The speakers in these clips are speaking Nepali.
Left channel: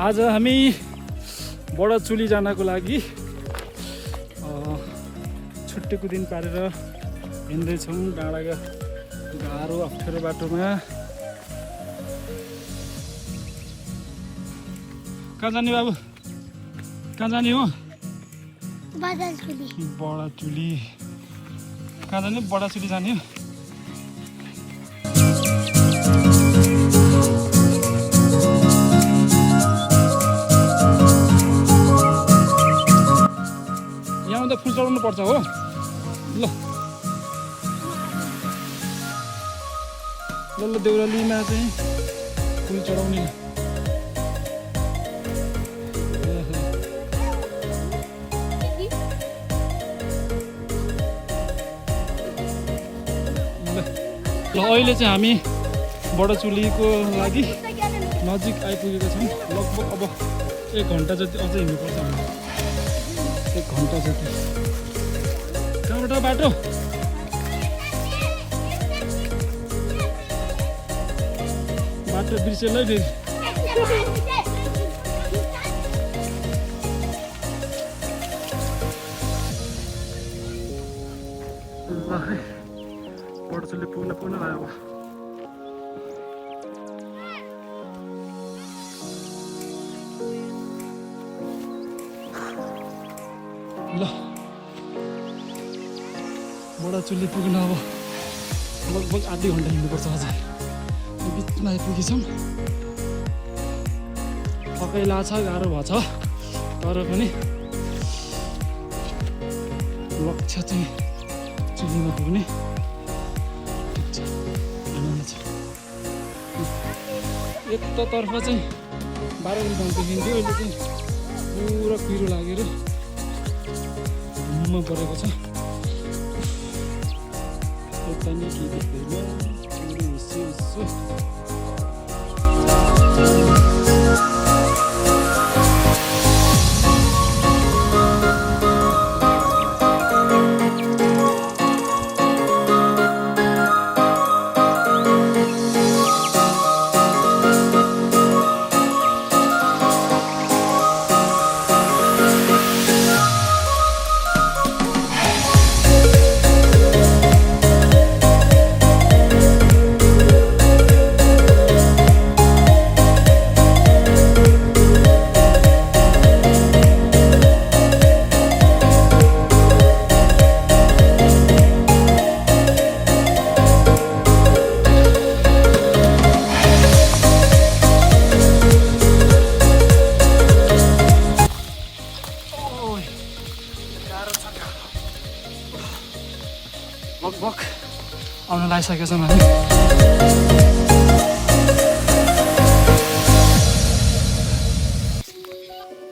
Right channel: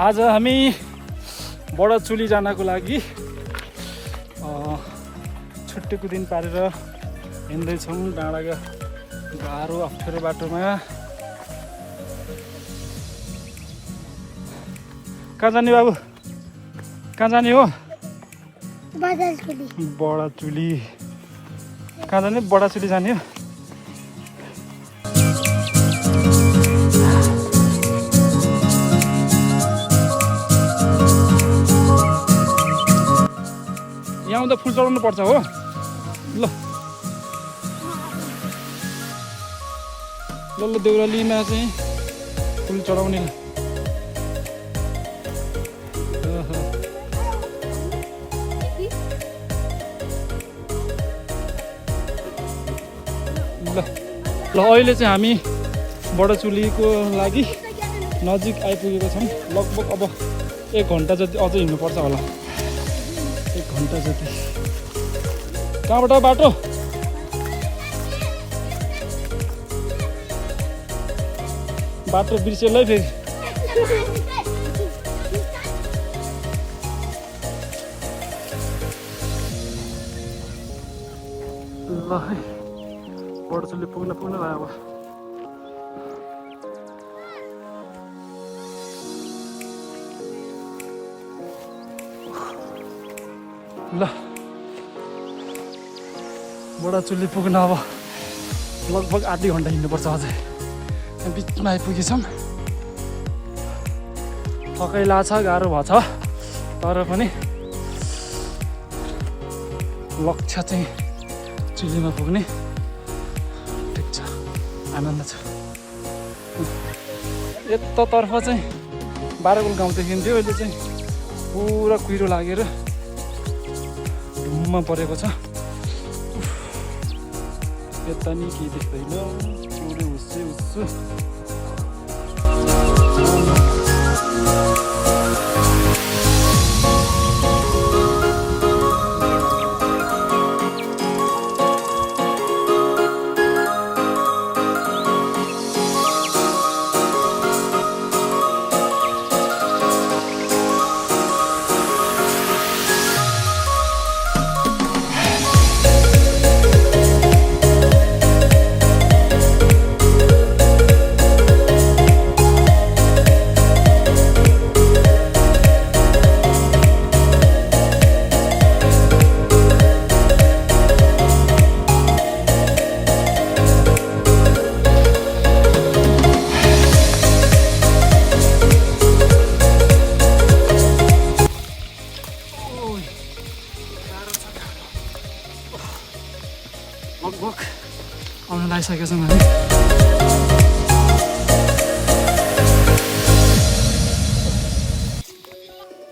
आज हामी बडाचुली जानको लागि छुट्टीको दिन पारेर हिँड्दैछौँ डाँडाको गाह्रो अप्ठ्यारो बाटोमा। कहाँ जाने बाबु? कहाँ जाने हो? बडाचुली। कहाँ जाने? बडाचुली जाने हो? यहाँ आउँदा फुल चढाउनु पर्छ हो। ल ल देउरालीमा चाहिँ फुल चढाउने। ल अहिले चाहिँ हामी बडाचुलीको लागि नजिक आइपुगेका छौँ। लगभग अब 1 घन्टा जति अझै हिँड्नुपर्छ होला। 1 घन्टा जति। कहाँबाट बाटो? बाटो बिर्सेलै फेरि। ल है बडाचुली पुग्न लाग्यो अब। ल बडाचुली पुग्न अब लगभग आधी घन्टा हिँड्नुपर्छ अझै। बिचमा आइपुगेछौँ। थकाइ लाग्छ, गाह्रो भएछ, तर पनि लक्ष्य चाहिँ चुलीमा पुग्ने। ठिक छ, आनन्द छ। यतातर्फ चाहिँ बाह्रगुल गाउँ देखिन्थ्यो, अहिले चाहिँ पुरा कुहिरो लागेर धुम्म परेको छ। यता नि के देख्दैन, पुरै हुस्से हुस्सु। लगभग आउन लागिसकेका छौँ हामी।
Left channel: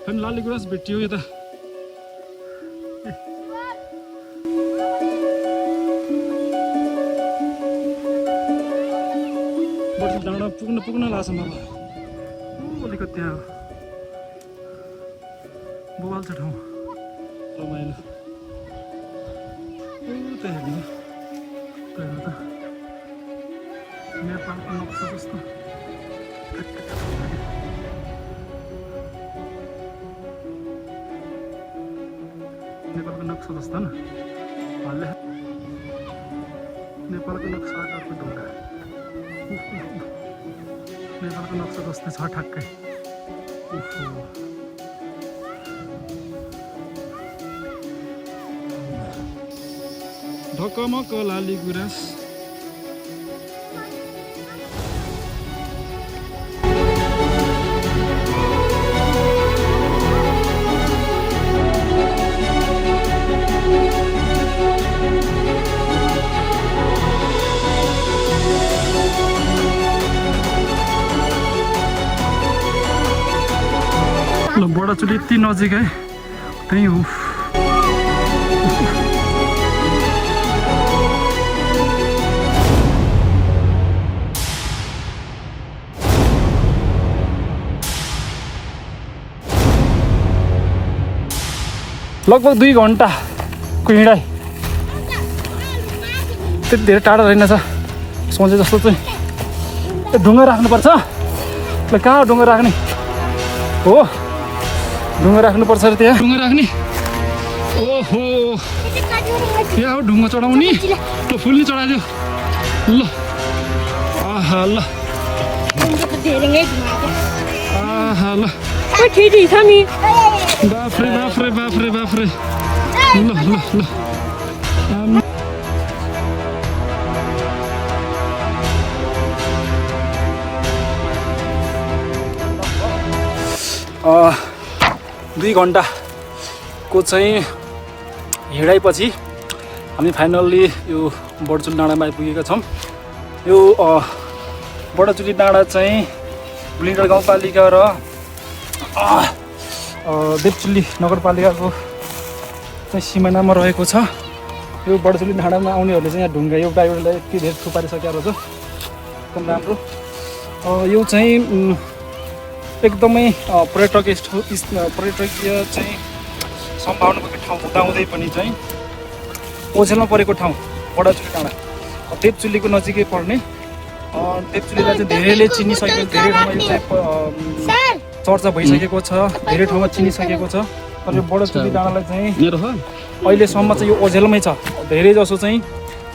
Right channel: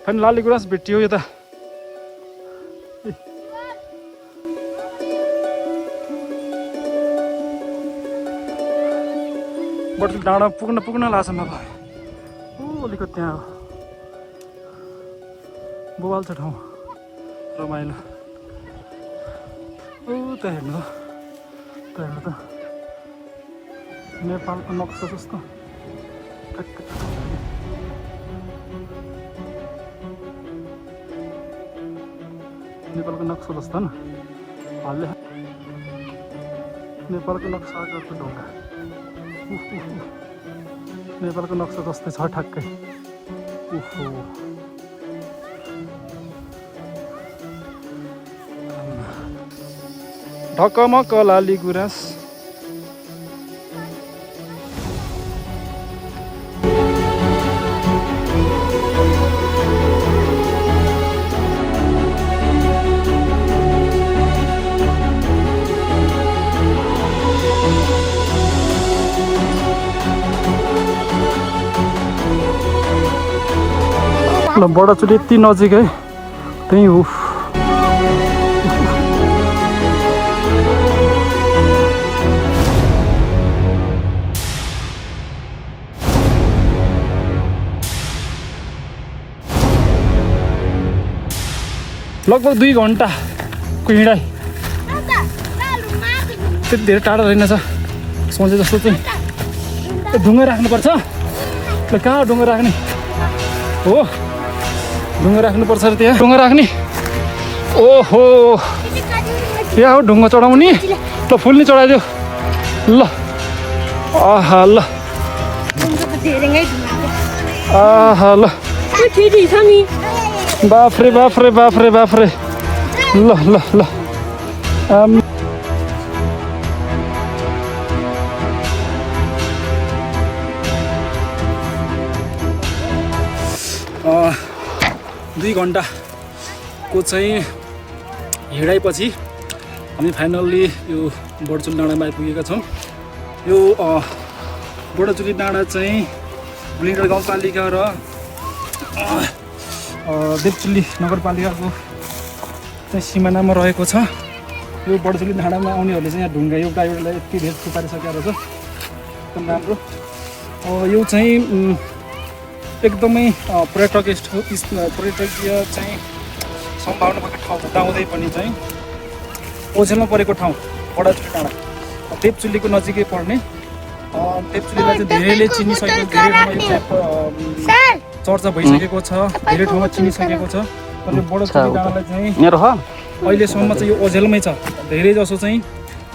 फेरि लाली गुराँस भेटियो यता। बडाचुली डाँडा पुग्न लाग्छ अब। अलिकति त्यहाँ बुवाल छ ठाउँ, रमाइलो। त्यहाँ हेर्नु त नेपालको नक्सा जस्तो। नेपालको नक्सा जस्तो न हालले नेपालको नक्साको ढोका। नेपालको नक्सा जस्तै छ ठ्याक्कै। ढकमक लाली गुराँस। ल बडाचुली यति नजिक है, त्यही हो। लगभग 2 घन्टाको हिँडाइ। त्यति धेरै टाढा रहेनछ सोचे जस्तो चाहिँ। ढुङ्गा राख्नुपर्छ। ल कहाँ ढुङ्गा राख्ने? हो ढुङ्गा राख्नुपर्छ अरे त्यहाँ ढुङ्गा राख्ने ओहो यहाँ हो ढुङ्गा चढाउने ल फुल्ने चढाइदेऊ ल आहा ल आहा ल बाफ्रे बाफ्रे बाफ्रे बाफ्रे ल ल ल दुई घन्टाको चाहिँ हिँडाइपछि हामी फाइनल्ली यो बडचुली डाँडामा आइपुगेका छौँ। यो बडचुली डाँडा चाहिँ बुलिङडाँडा गाउँपालिका र देवचुली नगरपालिकाको चाहिँ सिमानामा रहेको छ। यो बडचुली डाँडामा आउनेहरूले चाहिँ यहाँ ढुङ्गा एउटा एउटालाई यति धेरै थुपारिसकेको रहेछ, एकदम राम्रो। यो चाहिँ एकदमै पर्यटकीय चाहिँ सम्भावना भएको ठाउँ हुँदाहुँदै पनि चाहिँ ओझेलमा परेको ठाउँ बडचुली डाँडा देवचुलीको नजिकै पर्ने। देवचुलीलाई चाहिँ धेरैले चिनिसकेको, धेरै ठाउँमा यो चाहिँ चर्चा भइसकेको छ, धेरै ठाउँमा चिनिसकेको छ। तर यो बडचुली डाँडालाई चाहिँ अहिलेसम्म चाहिँ यो ओझेलमै छ। धेरै जसो चाहिँ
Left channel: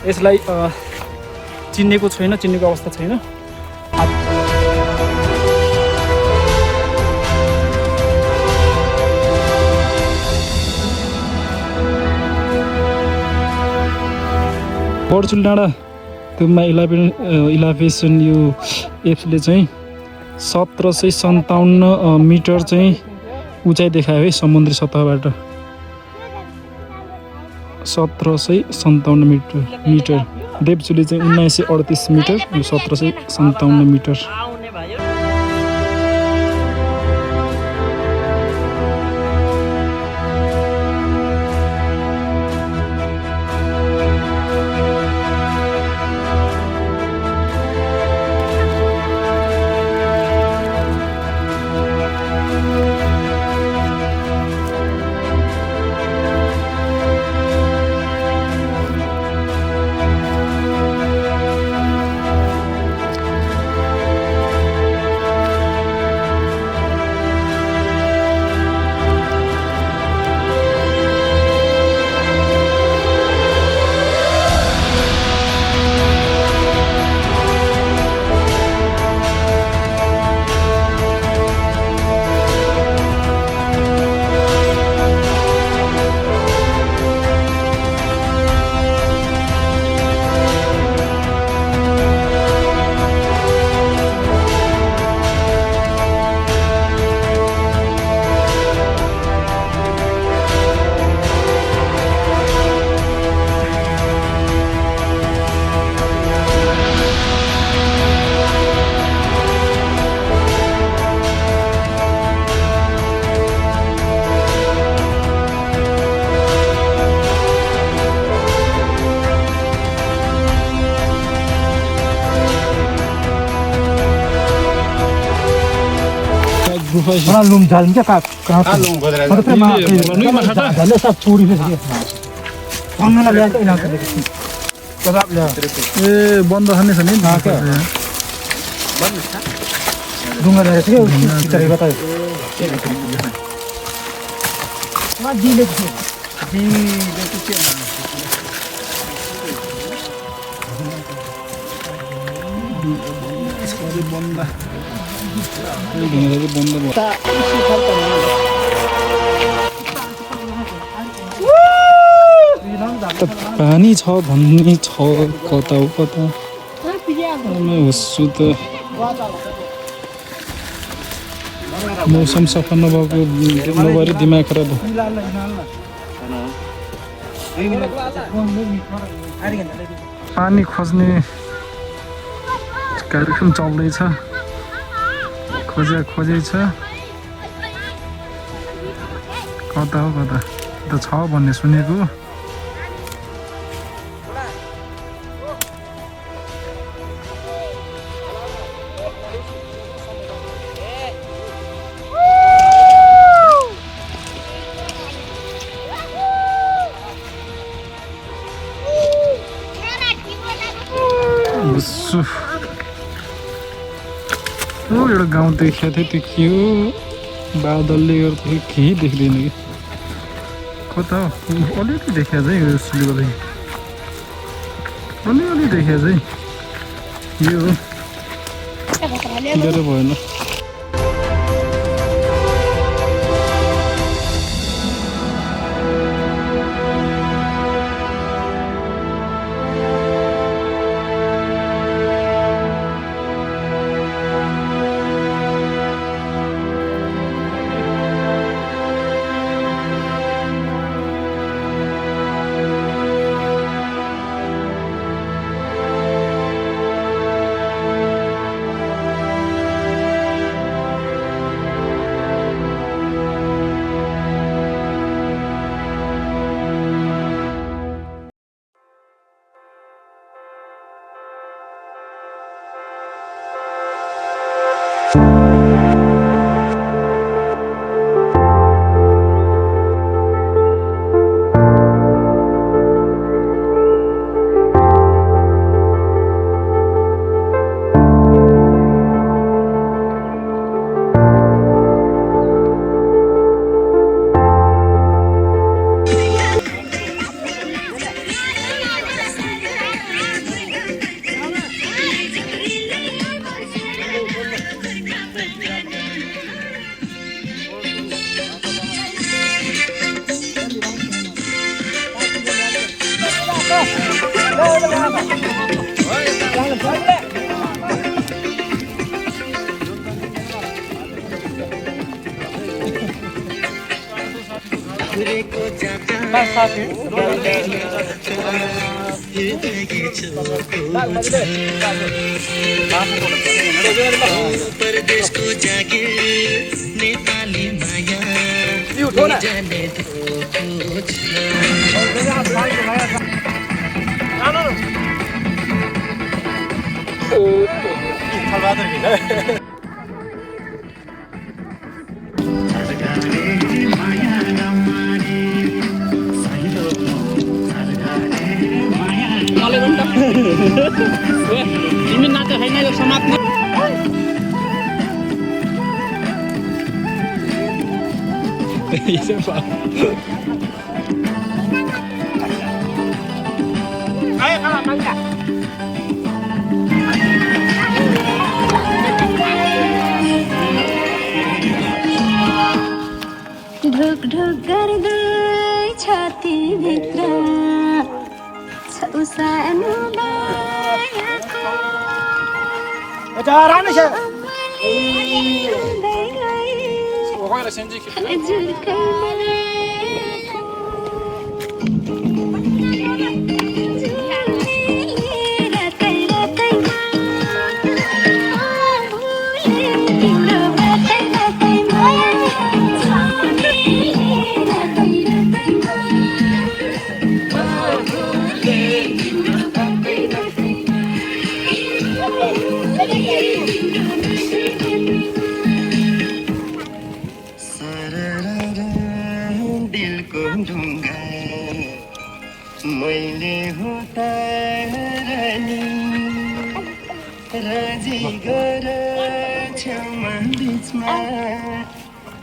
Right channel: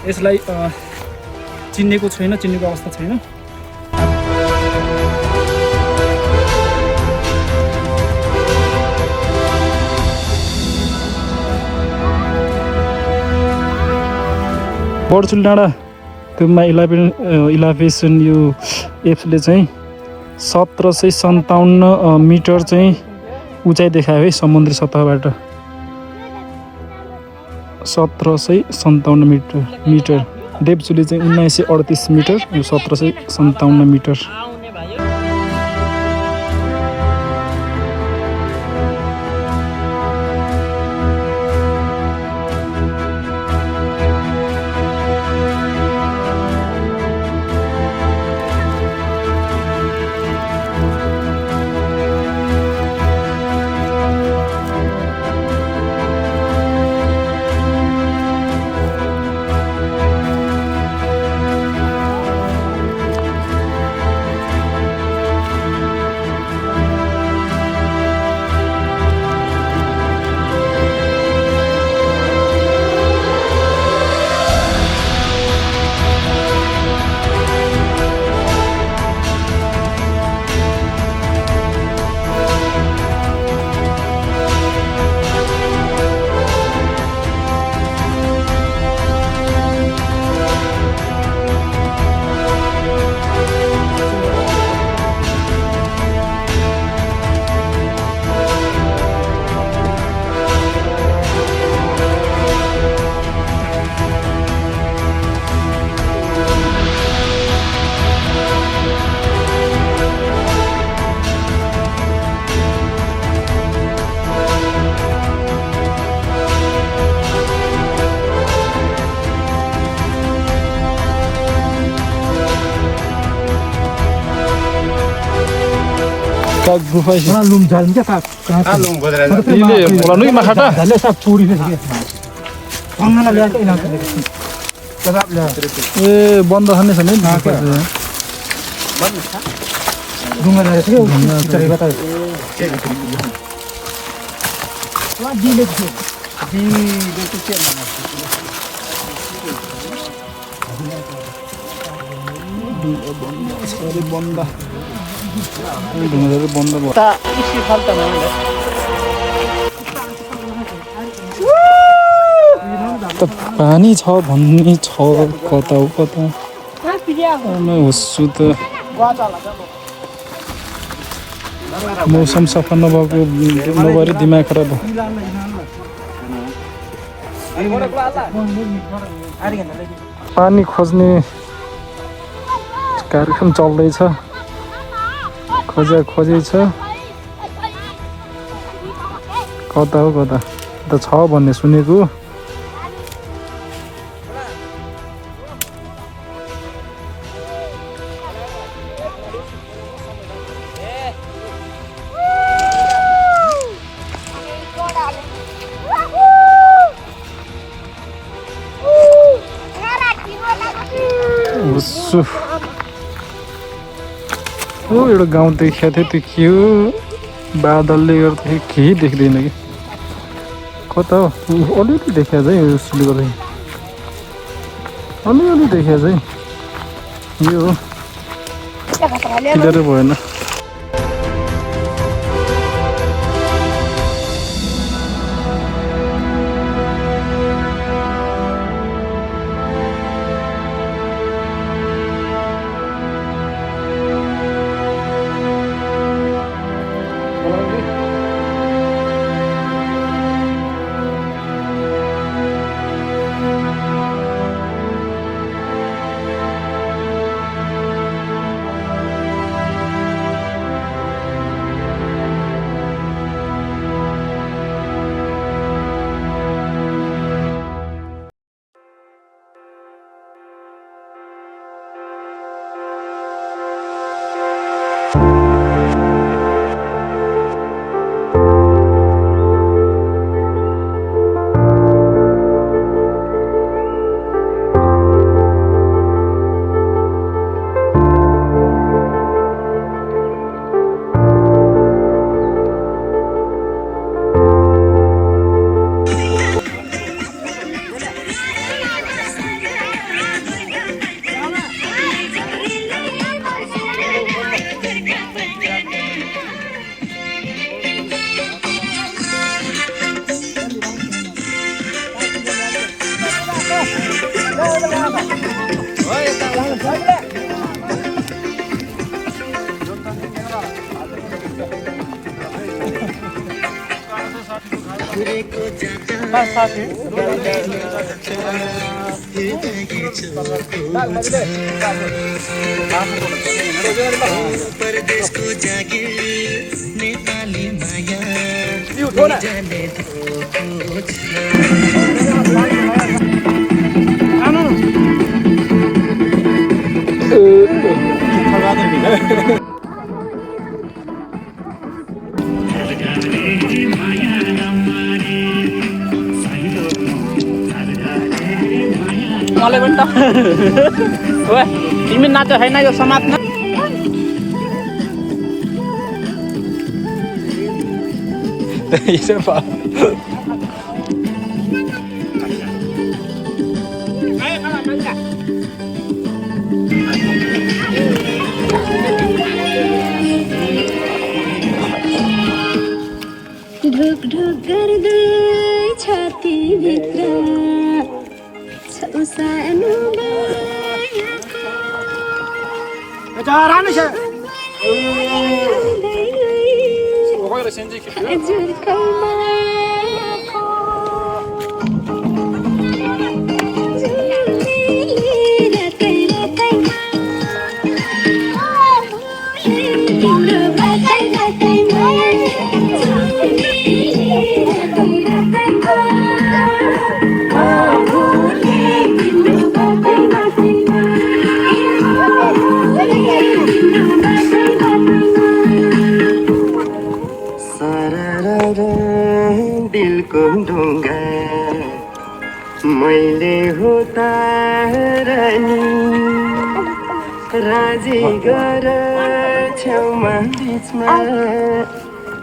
यसलाई चिनेको छैन, चिनेको अवस्था छैन। बडचुली डाँडामा इलाभेसन यो एप्सले चाहिँ 1757 मिटर चाहिँ उचाइ देखायो है समुद्री सतहबाट। 1757 मिटर। देवचुली चाहिँ 1938 मिटर, यो 1757 मिटर। गुफा लुम झाल क्या कहाँ लुम बोला माखा झाले सब पूरी में पंगना ले के ना कबाब ले ए बंद हने छने ना क्या बंद था डुंगा ले के चले बता वहां दी ले के सॉरी बंदा बन्द भयो पानी छ भन्ने छ कता हो कता होस्छु त मौसम सफा नभएको नभएर दिमाग खराब भयो। पानी खोज्ने कार्यक्रम चल्दैछ, खोजै छ कता हो कता त छ भन्ने सुनेको। एउटा गाउँ देखाएको थियो, त्यो के हो बादलले गर्दा केही देख्दैन कि कता हो अलिअलि देखिया चाहिँ यो सिलगढी अलिअलि देखिया चाहिँ यो हो क्लियर भएन परदेशको जागिर नेपाली माया जाने मलाई पनि त ओए तिमी नाच छैन यो समाजमा ढुक ढुक गर्दै छातीभित्र सानो मायाको हजुरको मायाको रातै रातैमा तिम्रो बाटै बाटैमा दिलको ढुङ्गा मैले हो तारानी राजी गर छेउमा बिचमा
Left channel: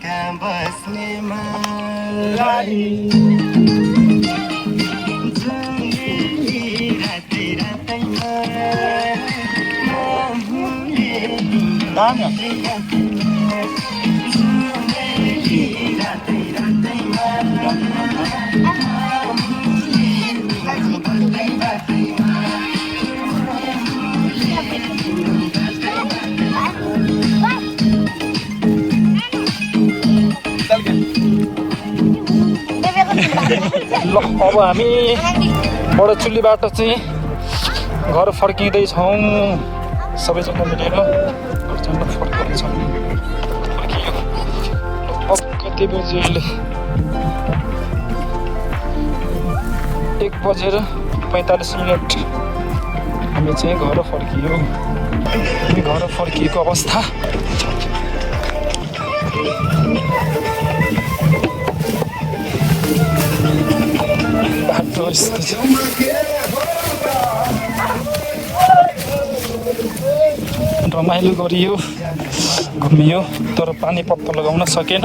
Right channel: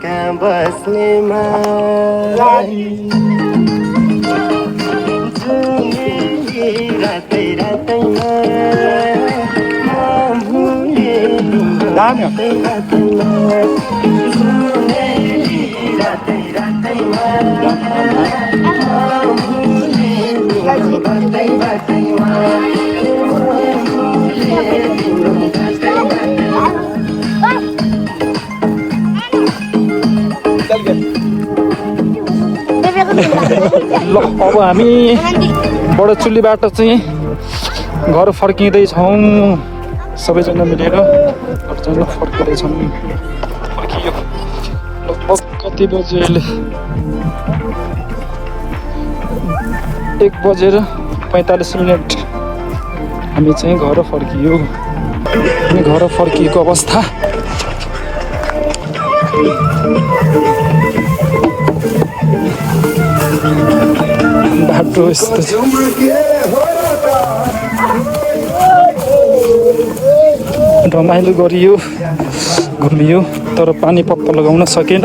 कहाँ बस्ने मारी रातै रातैमा रातै रातैमा हामी बडचुलीबाट चाहिँ घर फर्किँदैछौँ सबैजना मिलेर फर्किँदैछौँ कति बजे 1:45 हामी चाहिँ घर फर्कियो घर फर्किएको अवस्था बाटो यस्तो रमाइलो गरियो घुमियो तर पानी पक्का लगाउन सकेन।